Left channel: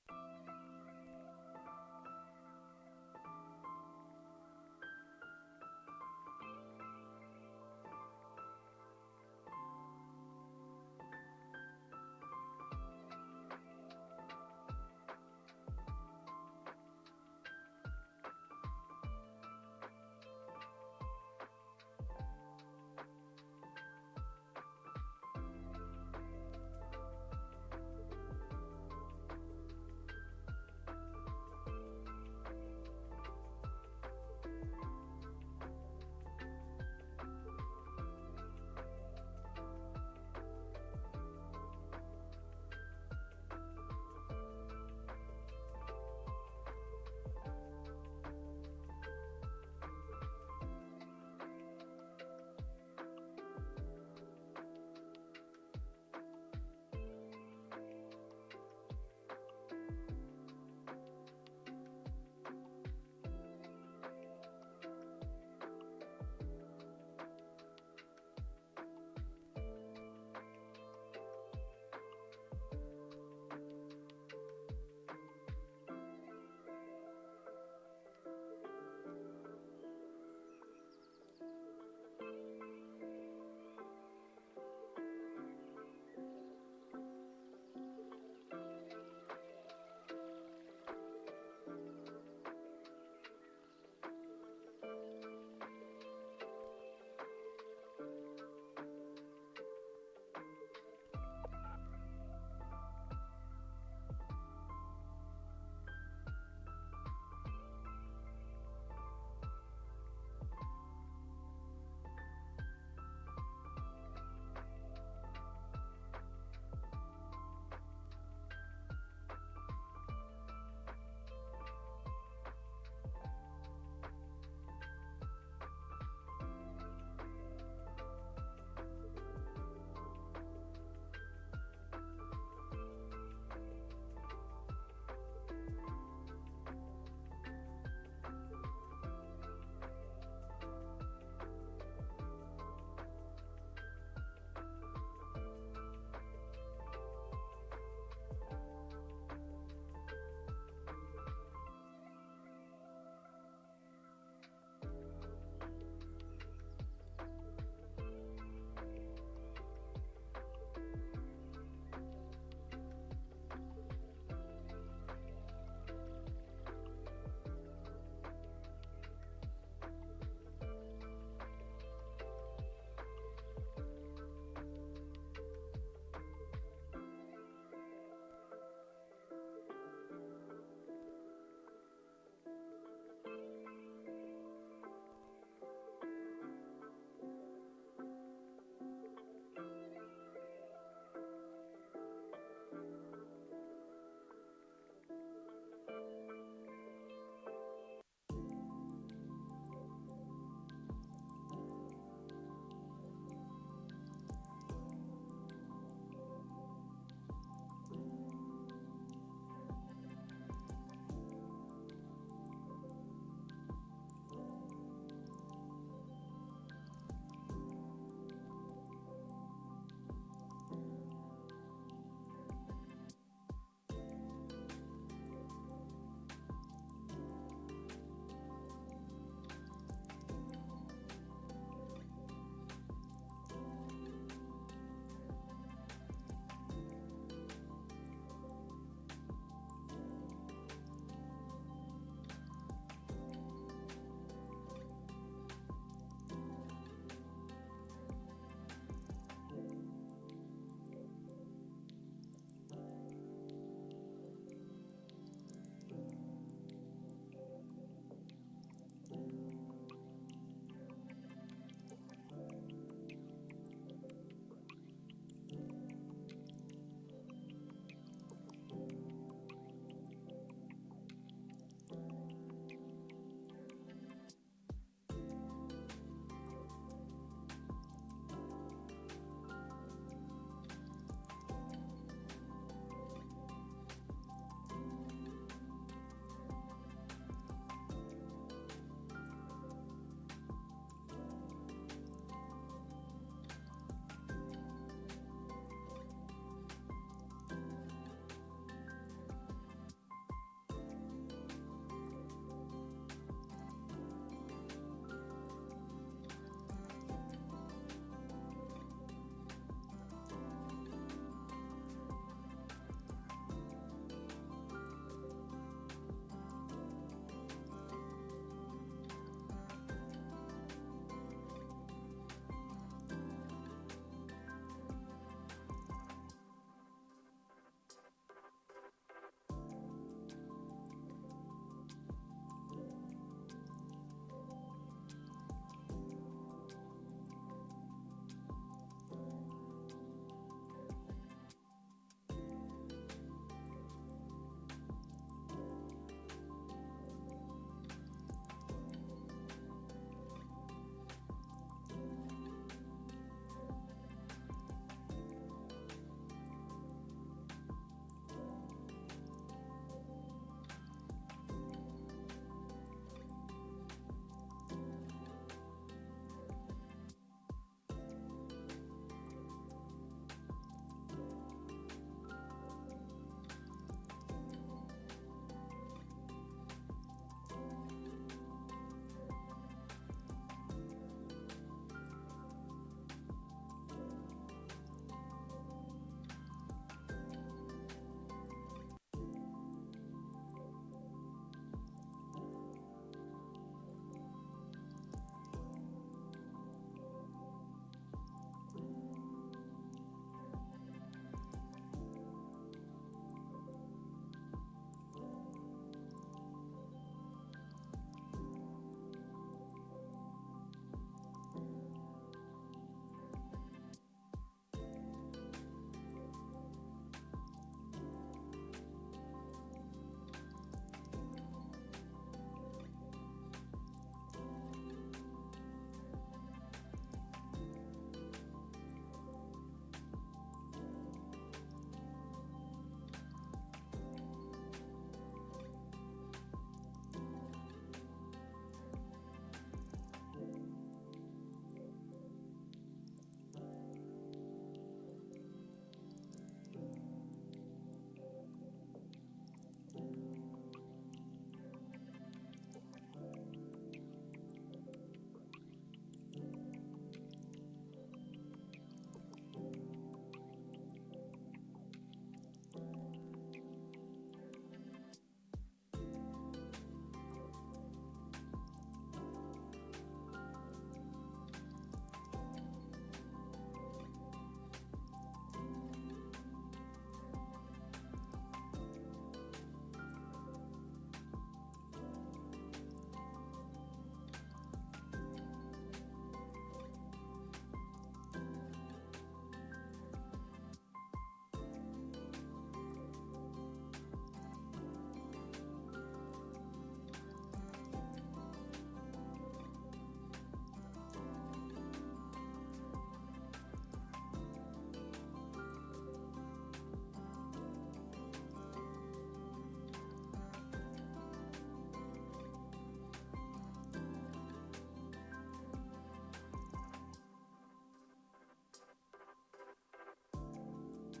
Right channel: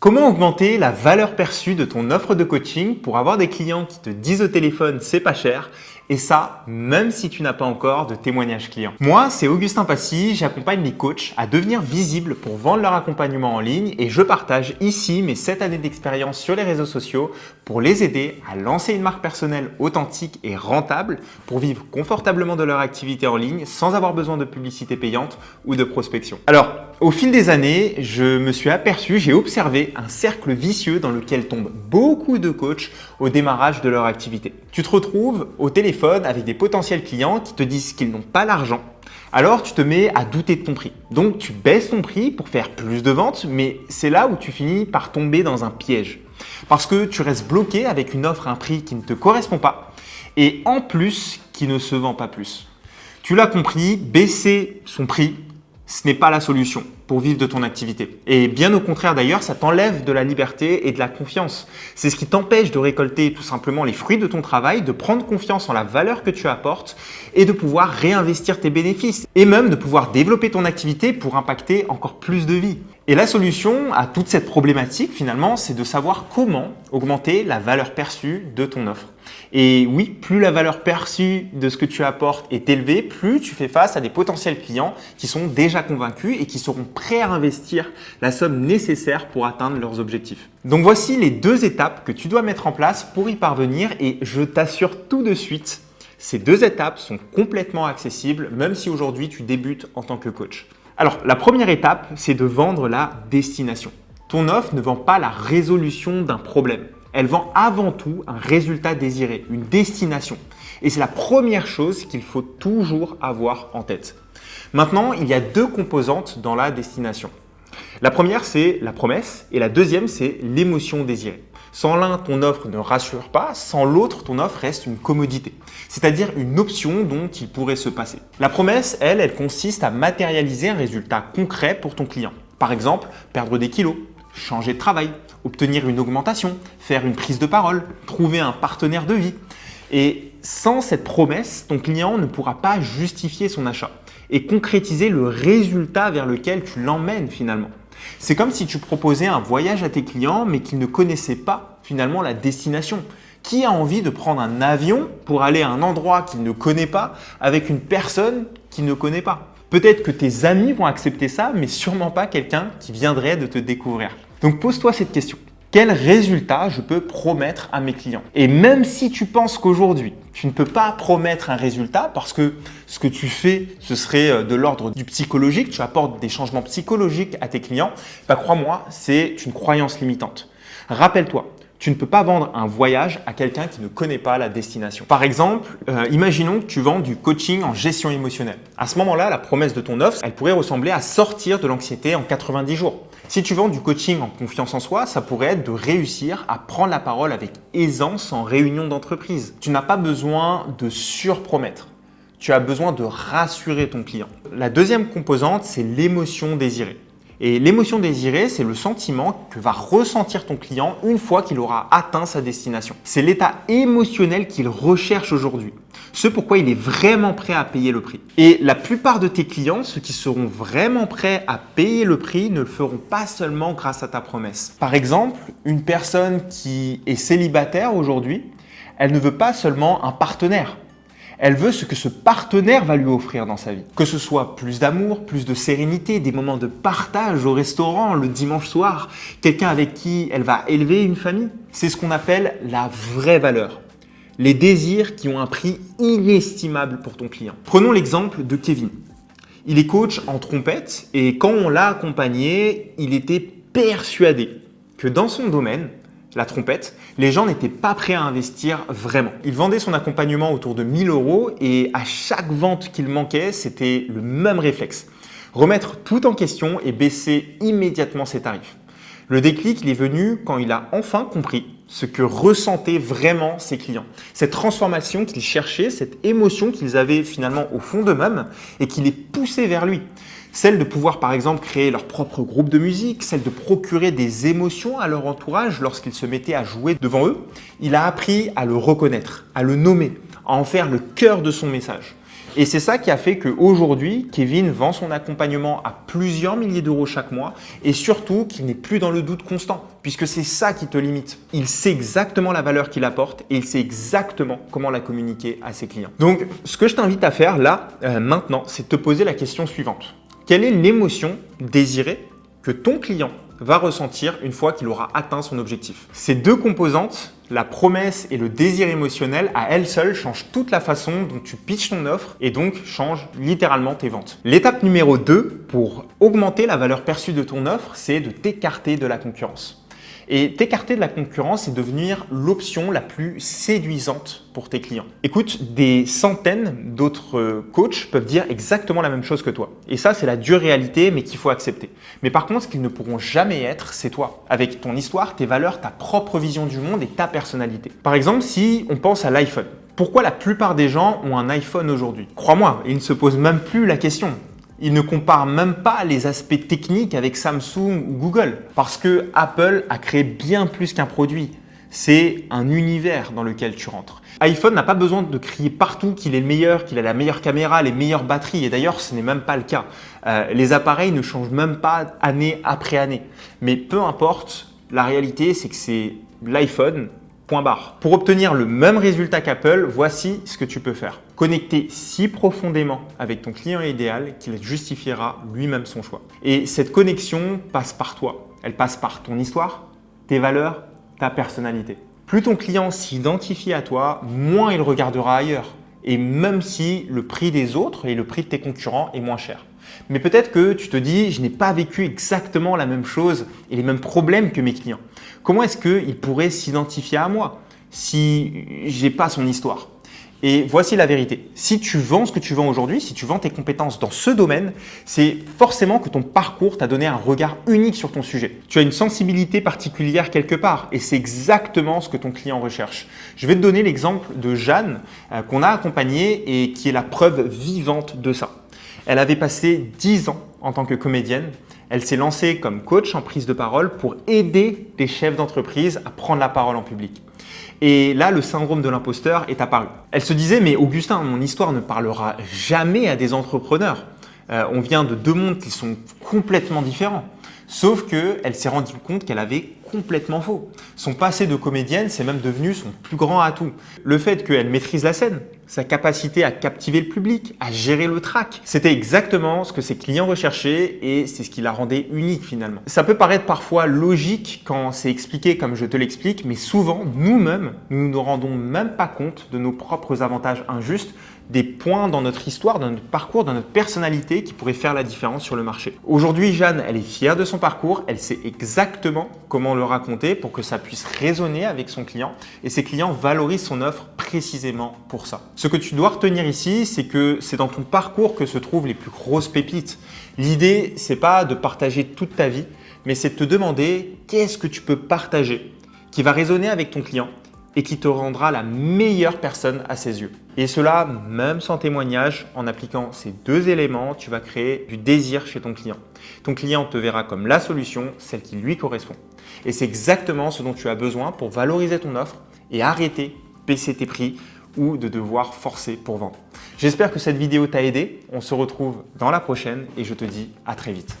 Comment augmenter la valeur perçue de ton offre de coaching pour avoir des clients qui te disent au téléphone c'est pas cher et ça, même si tu n'as pas encore de témoignage client. Moi, c'est Augustin Passy, j'accompagne les coachs à devenir visibles pour vendre leur accompagnement en ligne et je partage ici mes 7 années d'expérience sur les réseaux sociaux pour les aider à lancer une marque personnelle authentique et rentable pour vivre confortablement de leur activité en ligne sans avoir besoin de publicité payante ou de prospection. Alors, au fil des années, je me suis aperçu, j'ai observé un cercle vicieux dans lequel tombent beaucoup de coachs au démarrage de leur activité. Tu te retrouves au téléphone avec des potentiels clients qui te disent qu'ils n'ont pas l'argent. Alors tu te mets à douter de ton prix. Donc tu baisses ton prix pour faire plus de ventes, mais c'est là où tu finis par tomber dans un piège. Parce que tu restes bloqué avec une offre à un prix qui ne te correspond pas et en plus qui ne se vend pas plus. Tu l'as compris, baisser son prix, ce n'est pas la solution pour vivre de ton activité. Et bien au contraire d'ailleurs, ça t'enlève de la liberté et de la confiance. C'est ce qui t'empêche de récolter tout simplement les fruits de ton travail, de prendre confiance en la valeur que tu apportes et de pouvoir réinvestir tes bénéfices et même de pouvoir développer ton activité pour impacter encore plus de vies. Et la solution à toute cette problématique finalement, c'est de savoir comment augmenter la valeur perçue de ton offre. Et oui, plus la valeur perçue de ce que tu apportes est élevée, plus tu fais face à des potentiels clients qui sont déjà convaincus et qui seront prêts à investir la somme nécessaire pour atteindre leurs objectifs. Donc voici les 2 étapes que tu dois mettre en place pour y parvenir et je t'assure tout de suite, ces 2 étapes sont complètement accessibles même si aujourd'hui tu débutes en tant que coach. Alors la première étape, c'est de vendre la destination. Ton offre ne vend pas la résolution d'un problème. Elle vend avant tout un résultat désiré, une destination. Et c'est la première chose qu'il faut toujours avoir en tête. Maintenant, il y a 2 composantes dans la destination. La première, c'est la promesse et la deuxième, c'est l'émotion désirée. Sans l'un, ton offre ne rassure pas, sans l'autre, ton offre reste une commodité, c'est-à-dire une option dont il pourrait se passer. La promesse, elle consiste à matérialiser un résultat concret pour ton client. Par exemple, perdre des kilos, changer de travail, obtenir une augmentation, faire une prise de parole, trouver un partenaire de vie. Et sans cette promesse, ton client ne pourra pas justifier son achat et concrétiser le résultat vers lequel tu l'emmènes finalement. C'est comme si tu proposais un voyage à tes clients mais qu'ils ne connaissaient pas finalement la destination. Qui a envie de prendre un avion pour aller à un endroit qu'il ne connaît pas avec une personne qu'il ne connaît pas? Peut-être que tes amis vont accepter ça, mais sûrement pas quelqu'un qui viendrait de te découvrir. Donc pose-toi cette question. Quel résultat je peux promettre à mes clients? Et même si tu penses qu'aujourd'hui, tu ne peux pas promettre un résultat parce que ce que tu fais, ce serait de l'ordre du psychologique, tu apportes des changements psychologiques à tes clients, crois-moi, c'est une croyance limitante. Rappelle-toi, tu ne peux pas vendre un voyage à quelqu'un qui ne connaît pas la destination. Par exemple, imaginons que tu vends du coaching en gestion émotionnelle. À ce moment-là, la promesse de ton offre, elle pourrait ressembler à sortir de l'anxiété en 90 jours. Si tu vends du coaching en confiance en soi, ça pourrait être de réussir à prendre la parole avec aisance en réunion d'entreprise. Tu n'as pas besoin de surpromettre. Tu as besoin de rassurer ton client. La deuxième composante, c'est l'émotion désirée. Et l'émotion désirée, c'est le sentiment que va ressentir ton client une fois qu'il aura atteint sa destination. C'est l'état émotionnel qu'il recherche aujourd'hui. Ce pourquoi il est vraiment prêt à payer le prix. Et la plupart de tes clients, ceux qui seront vraiment prêts à payer le prix, ne le feront pas seulement grâce à ta promesse. Par exemple, une personne qui est célibataire aujourd'hui, elle ne veut pas seulement un partenaire. Elle veut ce que ce partenaire va lui offrir dans sa vie. Que ce soit plus d'amour, plus de sérénité, des moments de partage au restaurant le dimanche soir, quelqu'un avec qui elle va élever une famille. C'est ce qu'on appelle la vraie valeur. Les désirs qui ont un prix inestimable pour ton client. Prenons l'exemple de Kevin. Il est coach en trompette et quand on l'a accompagné, il était persuadé que dans son domaine, la trompette, les gens n'étaient pas prêts à investir vraiment. Il vendait son accompagnement autour de 1 000 € et à chaque vente qu'il manquait, c'était le même réflexe. Remettre tout en question et baisser immédiatement ses tarifs. Le déclic, il est venu quand il a enfin compris ce que ressentaient vraiment ses clients. Cette transformation qu'ils cherchaient, cette émotion qu'ils avaient finalement au fond d'eux-mêmes et qui les poussait vers lui. Celle de pouvoir par exemple créer leur propre groupe de musique, celle de procurer des émotions à leur entourage lorsqu'ils se mettaient à jouer devant eux. Il a appris à le reconnaître, à le nommer, à en faire le cœur de son message. Et c'est ça qui a fait qu'aujourd'hui, Kevin vend son accompagnement à plusieurs milliers d'euros chaque mois et surtout qu'il n'est plus dans le doute constant puisque c'est ça qui te limite. Il sait exactement la valeur qu'il apporte et il sait exactement comment la communiquer à ses clients. Donc, ce que je t'invite à faire là, maintenant, c'est de te poser la question suivante. Quelle est l'émotion désirée que ton client va ressentir une fois qu'il aura atteint son objectif? Ces deux composantes, la promesse et le désir émotionnel, à elles seules changent toute la façon dont tu pitches ton offre et donc changent littéralement tes ventes. L'étape numéro 2 pour augmenter la valeur perçue de ton offre, c'est de t'écarter de la concurrence. Et t'écarter de la concurrence et devenir l'option la plus séduisante pour tes clients. Écoute, des centaines d'autres coachs peuvent dire exactement la même chose que toi. Et ça, c'est la dure réalité, mais qu'il faut accepter. Mais par contre, ce qu'ils ne pourront jamais être, c'est toi. Avec ton histoire, tes valeurs, ta propre vision du monde et ta personnalité. Par exemple, si on pense à l'iPhone. Pourquoi la plupart des gens ont un iPhone aujourd'hui? Crois-moi, ils ne se posent même plus la question. Ils ne comparent même pas les aspects techniques avec Samsung ou Google parce que Apple a créé bien plus qu'un produit. C'est un univers dans lequel tu rentres. iPhone n'a pas besoin de crier partout qu'il est le meilleur, qu'il a la meilleure caméra, les meilleures batteries. Et d'ailleurs, ce n'est même pas le cas. Les appareils ne changent même pas année après année. Mais peu importe, la réalité, c'est que c'est l'iPhone. Point barre. Pour obtenir le même résultat qu'Apple, voici ce que tu peux faire. Connecter si profondément avec ton client idéal qu'il justifiera lui-même son choix. Et cette connexion passe par toi. Elle passe par ton histoire, tes valeurs, ta personnalité. Plus ton client s'identifie à toi, moins il regardera ailleurs. Et même si le prix des autres et le prix de tes concurrents est moins cher. Mais peut-être que tu te dis, je n'ai pas vécu exactement la même chose et les mêmes problèmes que mes clients. Comment est-ce qu'il pourrait s'identifier à moi si je n'ai pas son histoire? Et voici la vérité. Si tu vends ce que tu vends aujourd'hui, si tu vends tes compétences dans ce domaine, c'est forcément que ton parcours t'a donné un regard unique sur ton sujet. Tu as une sensibilité particulière quelque part et c'est exactement ce que ton client recherche. Je vais te donner l'exemple de Jeanne qu'on a accompagnée et qui est la preuve vivante de ça. Elle avait passé 10 ans en tant que comédienne. Elle s'est lancée comme coach en prise de parole pour aider des chefs d'entreprise à prendre la parole en public. Et là, le syndrome de l'imposteur est apparu. Elle se disait, mais Augustin, mon histoire ne parlera jamais à des entrepreneurs. On vient de deux mondes qui sont complètement différents. Sauf qu'elle s'est rendue compte qu'elle avait complètement faux. Son passé de comédienne, c'est même devenu son plus grand atout. Le fait qu'elle maîtrise la scène, sa capacité à captiver le public, à gérer le trac, c'était exactement ce que ses clients recherchaient et c'est ce qui la rendait unique finalement. Ça peut paraître parfois logique quand c'est expliqué comme je te l'explique, mais souvent, nous-mêmes, nous ne nous rendons même pas compte de nos propres avantages injustes, des points dans notre histoire, dans notre parcours, dans notre personnalité qui pourraient faire la différence sur le marché. Aujourd'hui, Jeanne, elle est fière de son parcours, elle sait exactement comment le raconter pour que ça puisse résonner avec son client et ses clients valorisent son offre précisément pour ça. Ce que tu dois retenir ici, c'est que c'est dans ton parcours que se trouvent les plus grosses pépites. L'idée, c'est pas de partager toute ta vie, mais c'est de te demander qu'est-ce que tu peux partager qui va résonner avec ton client et qui te rendra la meilleure personne à ses yeux. Et cela, même sans témoignage, en appliquant ces deux éléments, tu vas créer du désir chez ton client. Ton client te verra comme la solution, celle qui lui correspond. Et c'est exactement ce dont tu as besoin pour valoriser ton offre et arrêter de baisser tes prix ou de devoir forcer pour vendre. J'espère que cette vidéo t'a aidé. On se retrouve dans la prochaine et je te dis à très vite.